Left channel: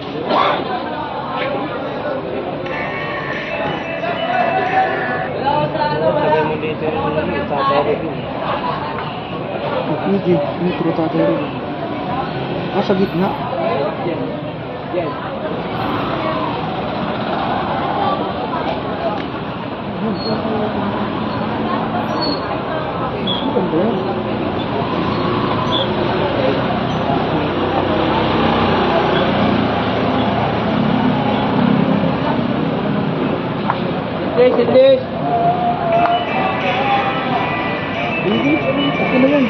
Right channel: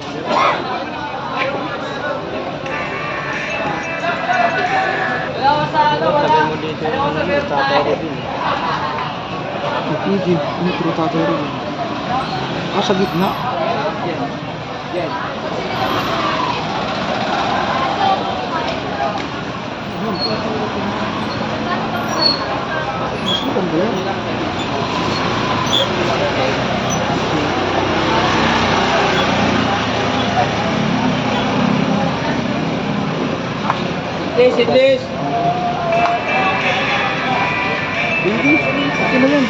Tabi mo dito yung tatay rin. Hindi, hindi ko tatay rin. Nasa gitna. Yan. Mas maganda yan. Idlis. Hindi, okay na yan.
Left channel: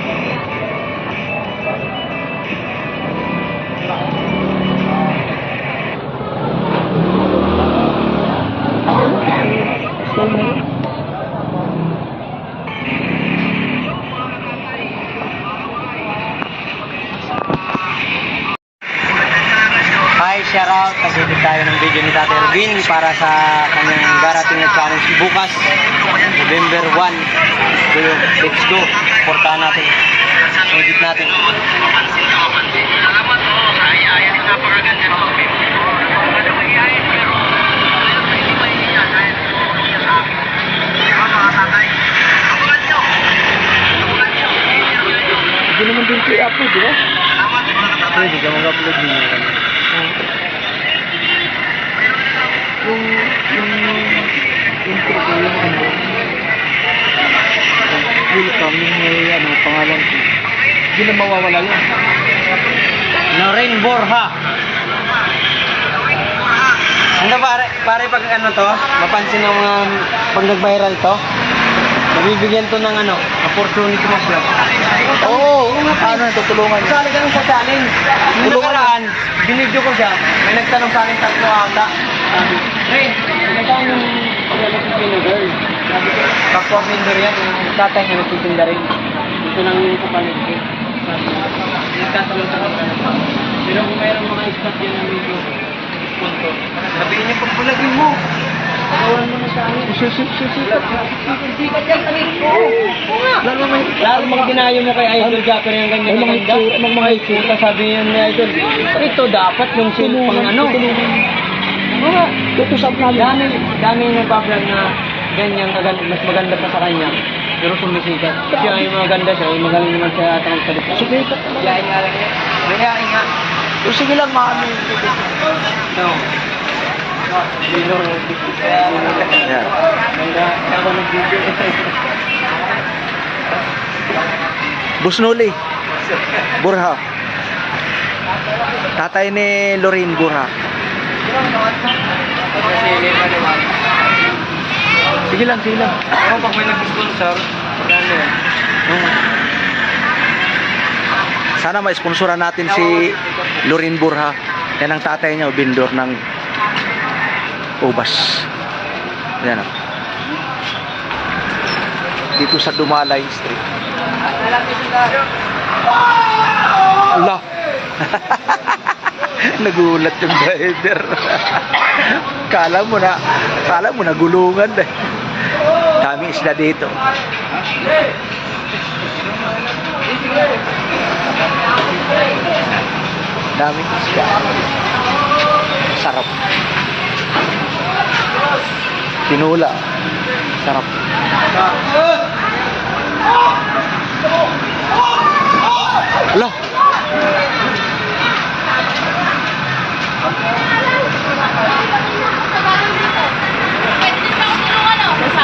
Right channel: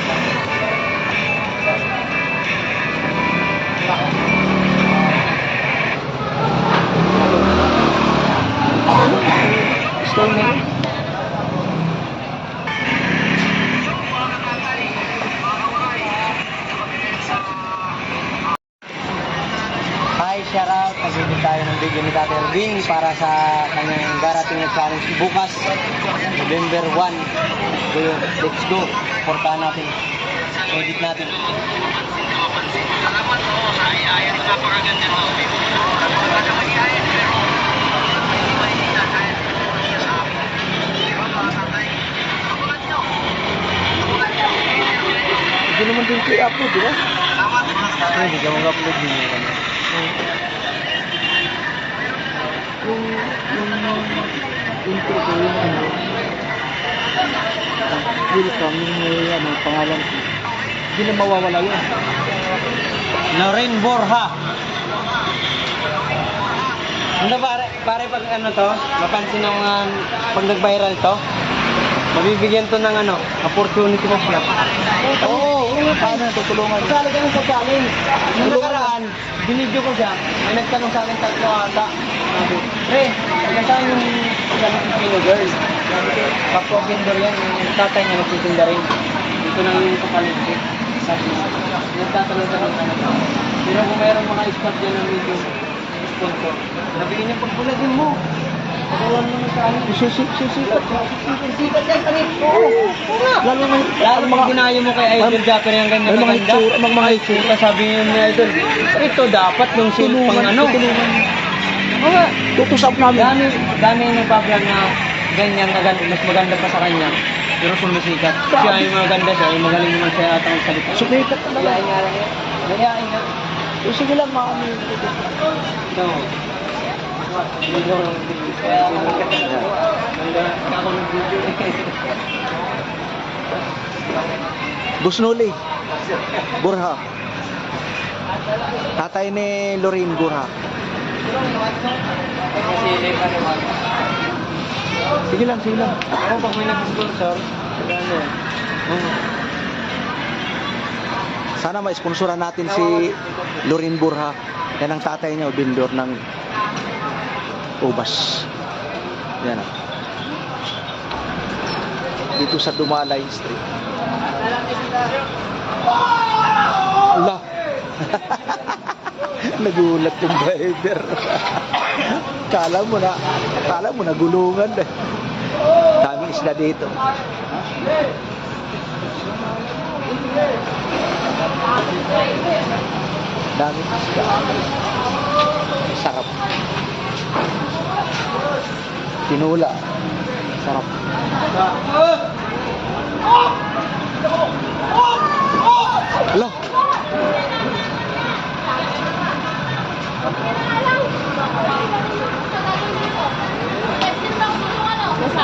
Gusto na. Hi, shoutout. Nag-edit tayo ng video ni Tatay Ervin para sa kanyang darating na challenge bukas, November 1. So, let's go. Portahan natin. Edit natin. Hindi naman din kayo upload, di ba? Hindi ka mag-upload din yun. Yung intro ko, yung ano, welcome, yung may ano, pangalan ko. Hindi na mawawala yun. Lorraine Borja. Ano pare pag ano to, mapansin ng mga pag nag-viral to, nabibigyan to ng ano, opportunity na siya. Oo, ano, tutulungan niya. Sali ka sa challenge. Nung nakaraan, binidyo ko siya, may nagtanong sa akin 3 ata. Sabi, Pre, nagtanong yung paglamit ng Pino girl. Sabi ko, kapwa vendor yan, yung tatay niya nagtitinda rin. Dito lang yung kapalit ko. Sabi ko, nagtatanong-tanong ka na pa. Pero kung mayroong mga spot yan na medyo sponsor, sabi niya, pagpulagin mo. Pagawan mo na sa amin. Sikat yan, talit. Oo. Lalo mga ginayo mo kay Idol Japper yung ganyan maganda. Mga itsura. Sabi niya ni Idol, ito dapat yung pang ano. Tutusap namin. Dami yung nagpa-vlog na ganyan agad, mas maganda pa sa kanya. Pero sumisikat. Siya ay maganda, siya ay magaling naman siya atang salita. Sumikat talaga. Yain nga lang yan. Mayain nga. O sige lang, maano yung No. Bilo. Kaya ganda. Ako nag-video. Busnuli. Burha. Tatay ni Lorraine Burha. Sige lang, sige lang. Pero pag may nag-sponsor, maganda yan. Sana ma-sponsoran natin si Lorraine Burha. Yan ang tatay niya, vendor ng ubas. Yan o. Dito sa Dumalay Street. Allah! Nagulat yung driver. Kala mo na gulungan eh. Daming isla dito. Daming isla. Sarap. Tinula. Sarap. Allah!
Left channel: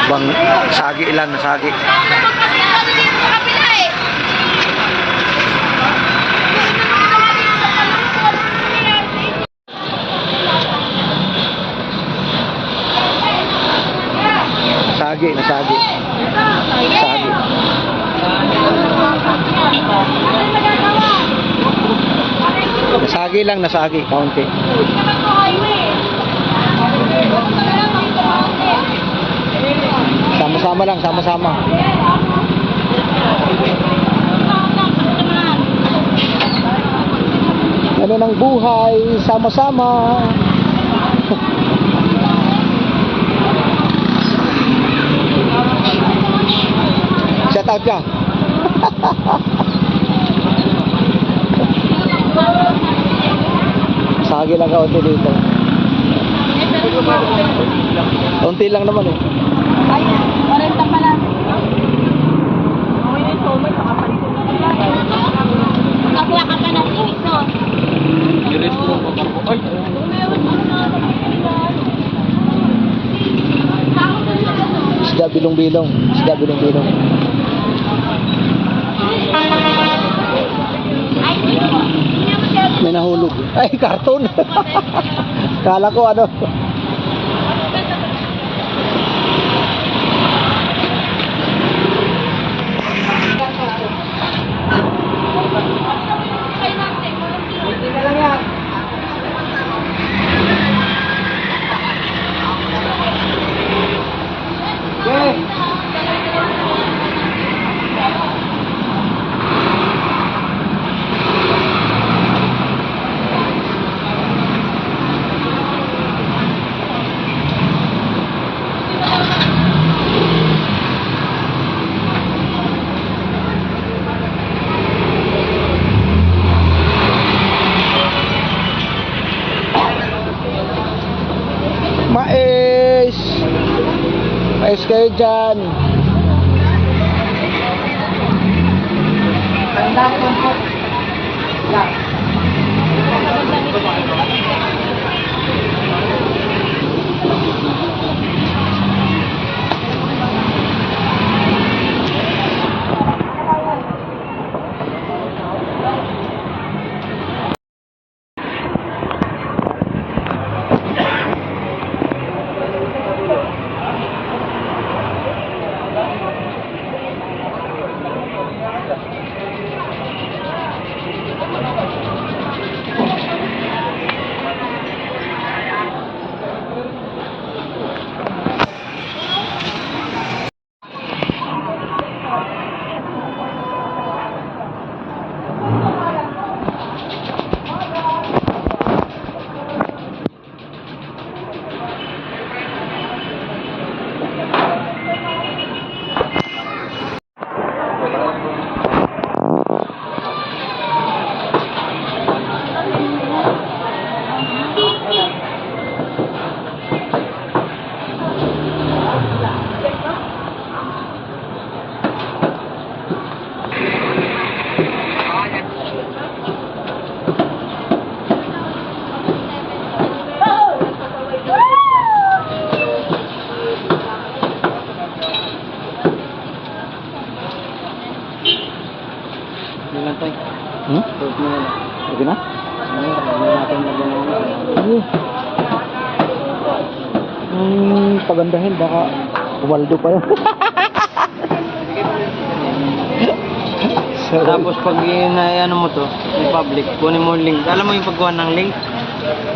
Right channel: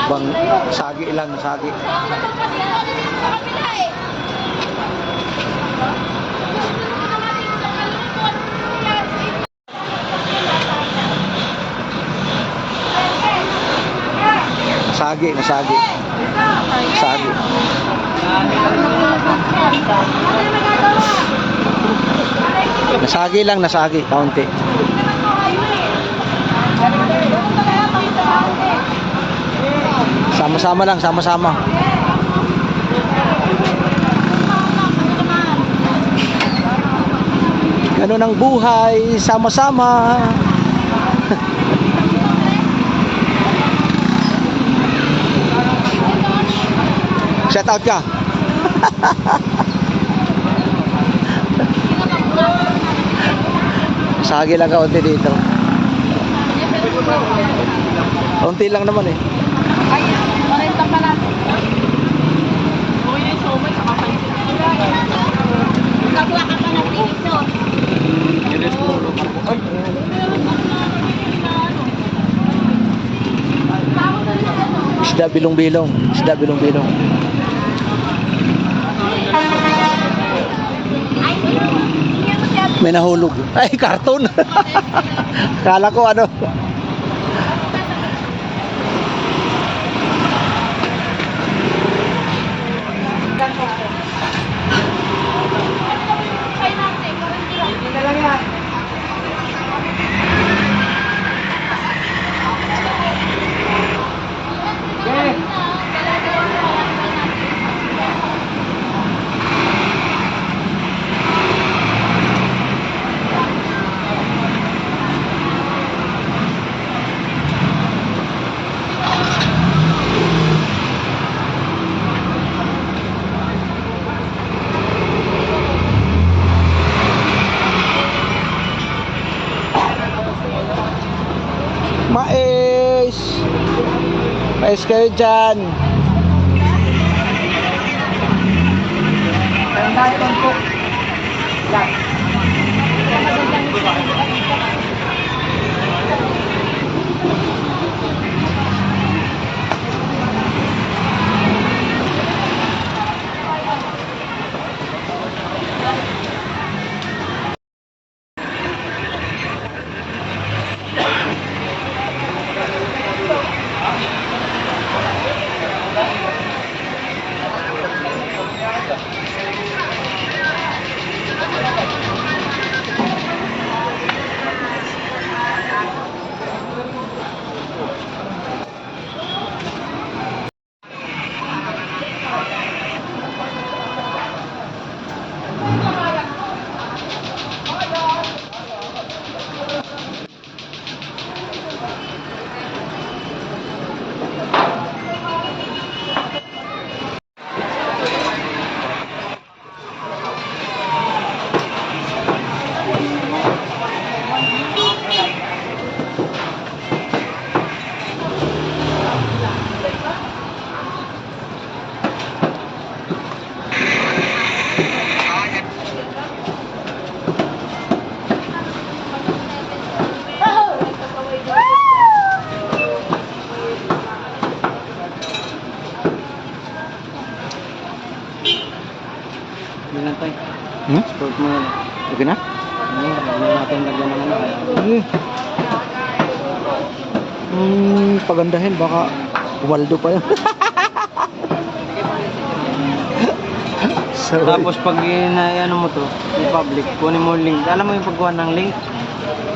Bang sagi lang, nasagi. Nasagi, nasagi. Nasagi. Nasagi lang, nasagi, kaunti. Sama-sama lang, sama-sama. Ganun ang buhay, sama-sama. Shout out ka. Sagi lang kaunti dito. Kaunti lang naman eh. Ayun, 40 pala. Nakakuha ka pa ng piso. Irit mo ako. Ay! Isda bilong-bilong. Isda bilong-bilong. Ay, hindi mo siya. May nahulog. Ay, karton. Kala ko ano. Mais! Mais kayo dyan. Tanda naman po. Yan. Hindi na tayo. Stop na yun. Okay na? Hindi natin magandang. Sige. Pagandahin, baka Waldo pa yun. So, Tapos pag ano mo to, yung public, kunin mo yung link. Alam mo yung pagkuha ng link?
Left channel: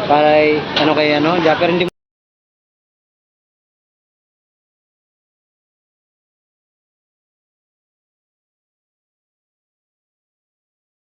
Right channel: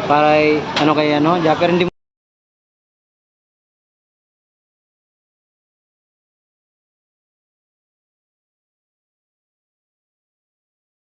Para ano kay ano, pero hindi